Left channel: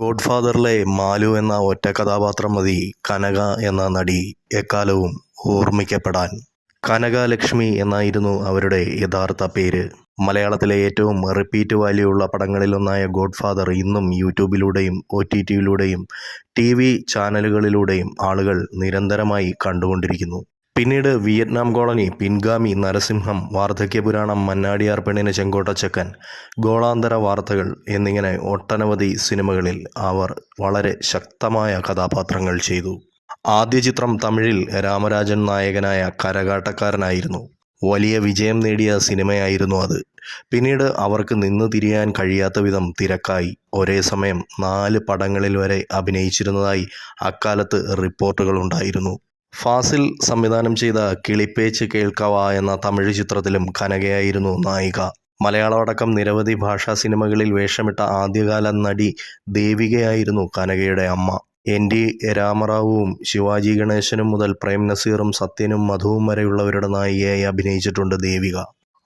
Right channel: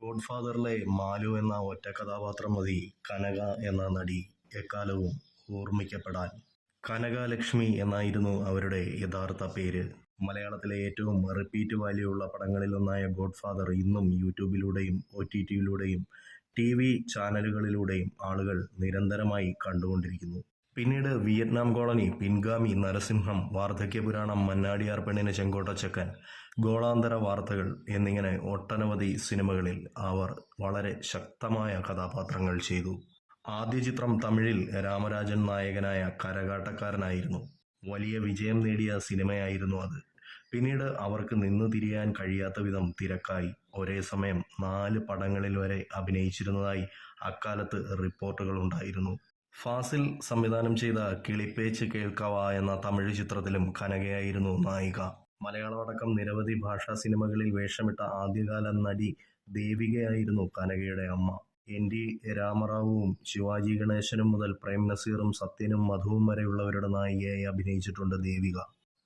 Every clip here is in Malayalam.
ഗോഡ്ഫാദറിലെ മാലു എന്ന ഒറ്റ കഥാപാത്രം മതി കനക എന്ന നടി എക്കാലവും ഓർമ്മിക്കപ്പെടാൻ. കനക ലക്ഷ്മി എന്നായിരുന്നു അവരുടെ യഥാർത്ഥ പേര്. മലയാളത്തിലെ ഏറ്റവും റിപ്പീറ്റ് വാല്യൂ ഉള്ള പടങ്ങളിലൊന്നായ ഗോഡ്ഫാദർ ഇന്നും യൂട്യൂബിലൂടെയും ഒ ടി ടിയിലൂടെയും ടി വി ചാനലുകളിലൂടെയും ആളുകൾ നിരന്തരമായി കണ്ടുകൊണ്ടിരിക്കുന്നു. പിന്നീട് വിയറ്റ്നാം കോളനി പിൻഗാമി നരസിംഹം വാർദ്ധക്യപുരാണം മന്നാടിയാർ പെണ്ണിന് ചെങ്കോട്ടച്ചക്കൻ ഗോളാന്തര വാർത്തകൾ എന്നിങ്ങനെ ഒട്ടനവധി സിനിമകളിൽ അവർ വളരെ ശക്തമായ കഥാപാത്രങ്ങൾ ചെയ്തു. ആദ്യ ചിത്രം തമിഴിൽ രാമരാജൻ നായകനായ കരകാട്ടക്കാരനായിരുന്നു. വലിയ വിജയം നേടിയ സിനിമയായിരുന്നു അത്. പിന്നീട് അവർക്ക് നിന്ന് തിരിയാൻ കഴിയാത്ത വിധം തിരക്കായി. ഒരേ സമയം നാല് പടങ്ങളിൽ വരെ അഭിനയിച്ചിരുന്നതായി അക്കാലത്ത് റിപ്പോർട്ടുകളുണ്ടായിരുന്നു ഫാസിൽ സംവിധാനം ചെയ്ത കിളിപ്പേച്ച് കേൾക്കവ എന്ന തമിഴ് ചിത്രത്തിലും കനകയായിരുന്നു നായിക. മലയാളമടക്കം നിരവധി ഭാഷാ സിനിമകളിൽ വേഷമിട്ട ആദ്യകാല നടി ദേവികയായിരുന്നു കനകയുടെ അമ്മ. എൻ ടി രാമറാവുവും ശിവാജി ഗണേശനും മുതൽ പ്രേം നസീറും സത്യനും മധുവും വരെയുള്ളവരുടെ നായികയായി അഭിനയിച്ചിട്ടുണ്ട് ദേവിക.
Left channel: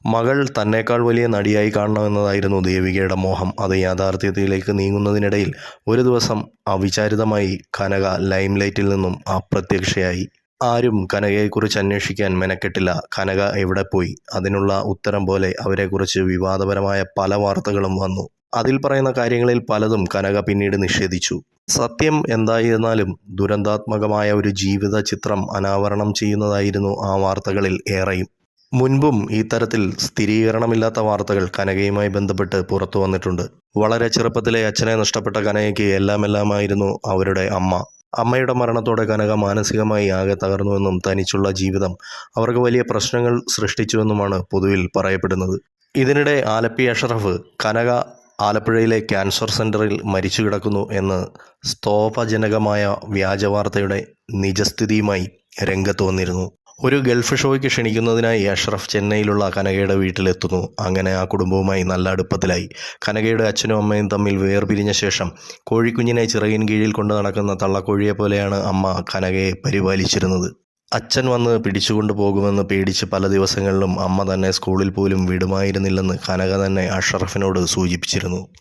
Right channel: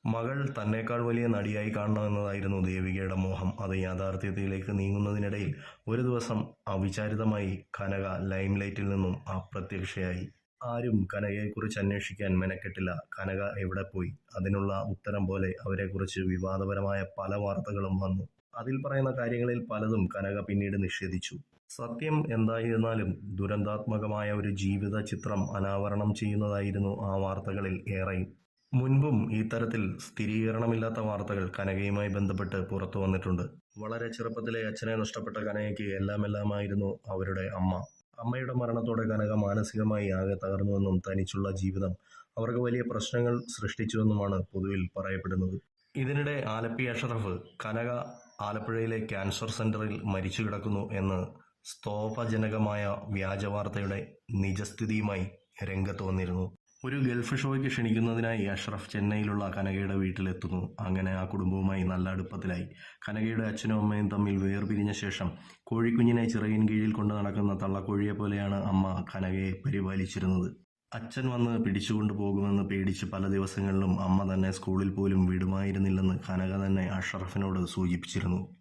മകൾ തന്നേക്കാൾ വലിയ നടിയായി കാണണമെന്നതായിരുന്നു ദേവികയുടെ മോഹം. അത് യാഥാർത്ഥ്യത്തിലേക്ക് നീങ്ങുന്നതിനിടയിൽ ഒരു ദിവസം അവിചാരിതമായി കനക ലൈംലൈറ്റിൽ നിന്നും അപ്രത്യക്ഷയായി. ആരും കനകയെക്കുറിച്ച് അന്വേഷിക്കാൻ മെനക്കെട്ടില്ല. കനക എവിടെ പോയി? അതിനുള്ള ഉത്തരം പോലെ അവരെക്കുറിച്ച് വിവാദപരമായ പല വാർത്തകളും വന്നു. അതിൽ പറയുന്ന കാര്യങ്ങളിൽ പലതും കനക പിന്നീട് നിഷേധിച്ചു. സത്യം എന്തായിരുന്നാലും ദുരന്താത്മകമായ ഒരു ജീവിത ചിത്രം അനാവരണം ചെയ്യുന്നതായിരുന്നു ആ വാർത്തകളിൽ ഏറെയും. മുൻപും ഇത്തരത്തിൽ സ്ഥിരീകരണമില്ലാത്ത വാർത്തകൾ കനകയുമായി ബന്ധപ്പെട്ട് പുറത്തു വന്നിട്ടുണ്ട്. വളരെ ചെറുപ്പത്തിലെ അച്ഛനെ നഷ്ടപ്പെട്ട കനകയ്ക്ക് എല്ലാമെല്ലാമായിരുന്നു അവരുടെ അമ്മ. അമ്മയുടെ മരണത്തോടെ കനക മാനസികമായി ആകെ തകർന്നുവെന്നും തനിച്ചുള്ള ജീവിതം അവർക്ക് വലിയ പ്രശ്നങ്ങൾ സൃഷ്ടിച്ചുവെന്നുമാണ് പൊതുവിൽ പറയപ്പെടുന്നത്. ഇതിനിടെ ആലപ്പി അഷറഫ് കനക ആലപ്പുഴയിലെ ക്യാൻസർ സെന്ററിൽ മരിച്ചു കിടക്കുന്നു എന്ന് സ്തോഭജനകമായ വ്യാജവാർത്തയുടെ നിജസ്ഥിതിയുമായി രംഗത്ത് വന്നിരുന്നു. ഒരു ഗൾഫ് ഷോയ്ക്ക് ക്ഷണിക്കുന്നതിനായി അഷ്റഫ് ചെന്നൈയിലുള്ള കനകയുടെ വീട്ടിലെത്തുന്നു. അങ്ങനെ ആ കുടുംബവുമായി നല്ല അടുപ്പത്തിലായി. കനകയുടെ അച്ഛനും അമ്മയും തമ്മിൽ വേർപിരിഞ്ഞ ശേഷം കോഴിക്കുഞ്ഞിനെ ചിറകിൻ കീഴിൽ കൊണ്ട് നടക്കുന്ന തള്ളക്കോഴിയെ പോലെയാണ് അമ്മ കനകയെ പരിപാലിച്ചിരുന്നത്. അച്ഛൻ വന്ന് പിടിച്ചുകൊണ്ടു പോകുമെന്ന് പേടിച്ച് പല ദിവസങ്ങളിലും അമ്മ തന്നെ സ്കൂളിൽ പോലും വിടുമായിരുന്നില്ലെന്ന് കനക തന്നെ അഷറഫിനോട് സൂചിപ്പിച്ചിരുന്നു.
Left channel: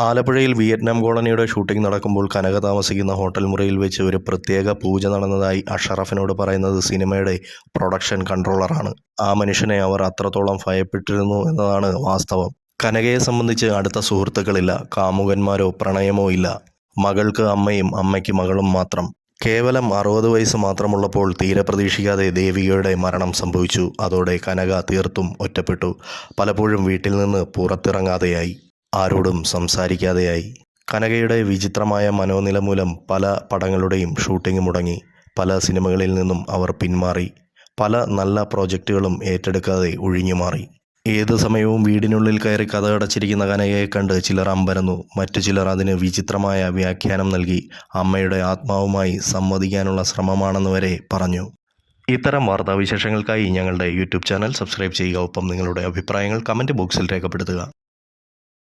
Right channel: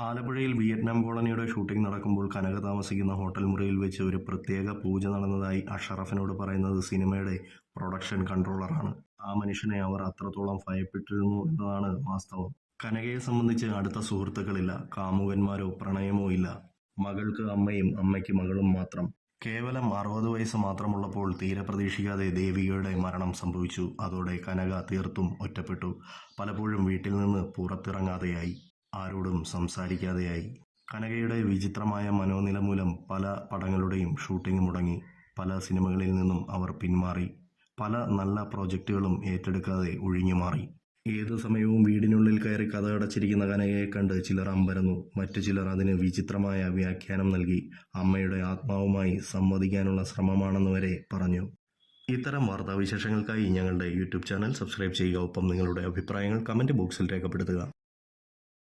ആലപ്പുഴയിൽ വിയറ്റ്നാം കോളനിയുടെ ഷൂട്ടിംഗ് നടക്കുമ്പോൾ കനക താമസിക്കുന്ന ഹോട്ടൽ മുറിയിൽ വെച്ച് ഒരു പ്രത്യേക പൂജ നടന്നതായി അഷറഫിനോട് പറയുന്നത് സിനിമയുടെ പ്രൊഡക്ഷൻ കൺട്രോളറാണ്. ആ മനുഷ്യനെ അവർ അത്രത്തോളം ഭയപ്പെട്ടിരുന്നു എന്നതാണ് വാസ്തവം. കനകയെ സംബന്ധിച്ച് അടുത്ത സുഹൃത്തുക്കളില്ല. കാമുകന്മാരോ പ്രണയമോ ഇല്ല. മകൾക്ക് അമ്മയും അമ്മയ്ക്ക് മകളും മാത്രം. കേവലം അറുപത് വയസ്സ് മാത്രമുള്ളപ്പോൾ തീരെ പ്രതീക്ഷിക്കാതെ ദേവികയുടെ മരണം സംഭവിച്ചു. അതോടെ കനക തീർത്തും ഒറ്റപ്പെട്ടു. പലപ്പോഴും വീട്ടിൽ നിന്ന് പുറത്തിറങ്ങാതെയായി. ആരോടും സംസാരിക്കാതെയായി. കനകയുടെ വിചിത്രമായ മനോനില മൂലം പല പടങ്ങളുടെയും ഷൂട്ടിംഗ് മുടങ്ങി. പല സിനിമകളിൽ നിന്നും അവർ പിന്മാറി. പല നല്ല പ്രോജക്റ്റുകളും ഏറ്റെടുക്കാതെ ഒഴിഞ്ഞുമാറി ഏത് സമയവും വീടിനുള്ളിൽ കയറി കഥകടച്ചിരിക്കുന്ന കനകയെ കണ്ട് ചിലർ അമ്പരന്നു. മറ്റു ചിലർ അതിന് വിചിത്രമായ വ്യാഖ്യാനം നൽകി അമ്മയുടെ ആത്മാവുമായി സംവദിക്കാനുള്ള ശ്രമമാണെന്ന് വരെ പറഞ്ഞു. ഇത്തരം വാർത്താവിശേഷങ്ങൾക്കായി ഞങ്ങളുടെ യൂട്യൂബ് ചാനൽ സബ്സ്ക്രൈബ് ചെയ്യുക. ഒപ്പം നിങ്ങളുടെ അഭിപ്രായങ്ങൾ കമന്റ് ബോക്സിൽ രേഖപ്പെടുത്തുക.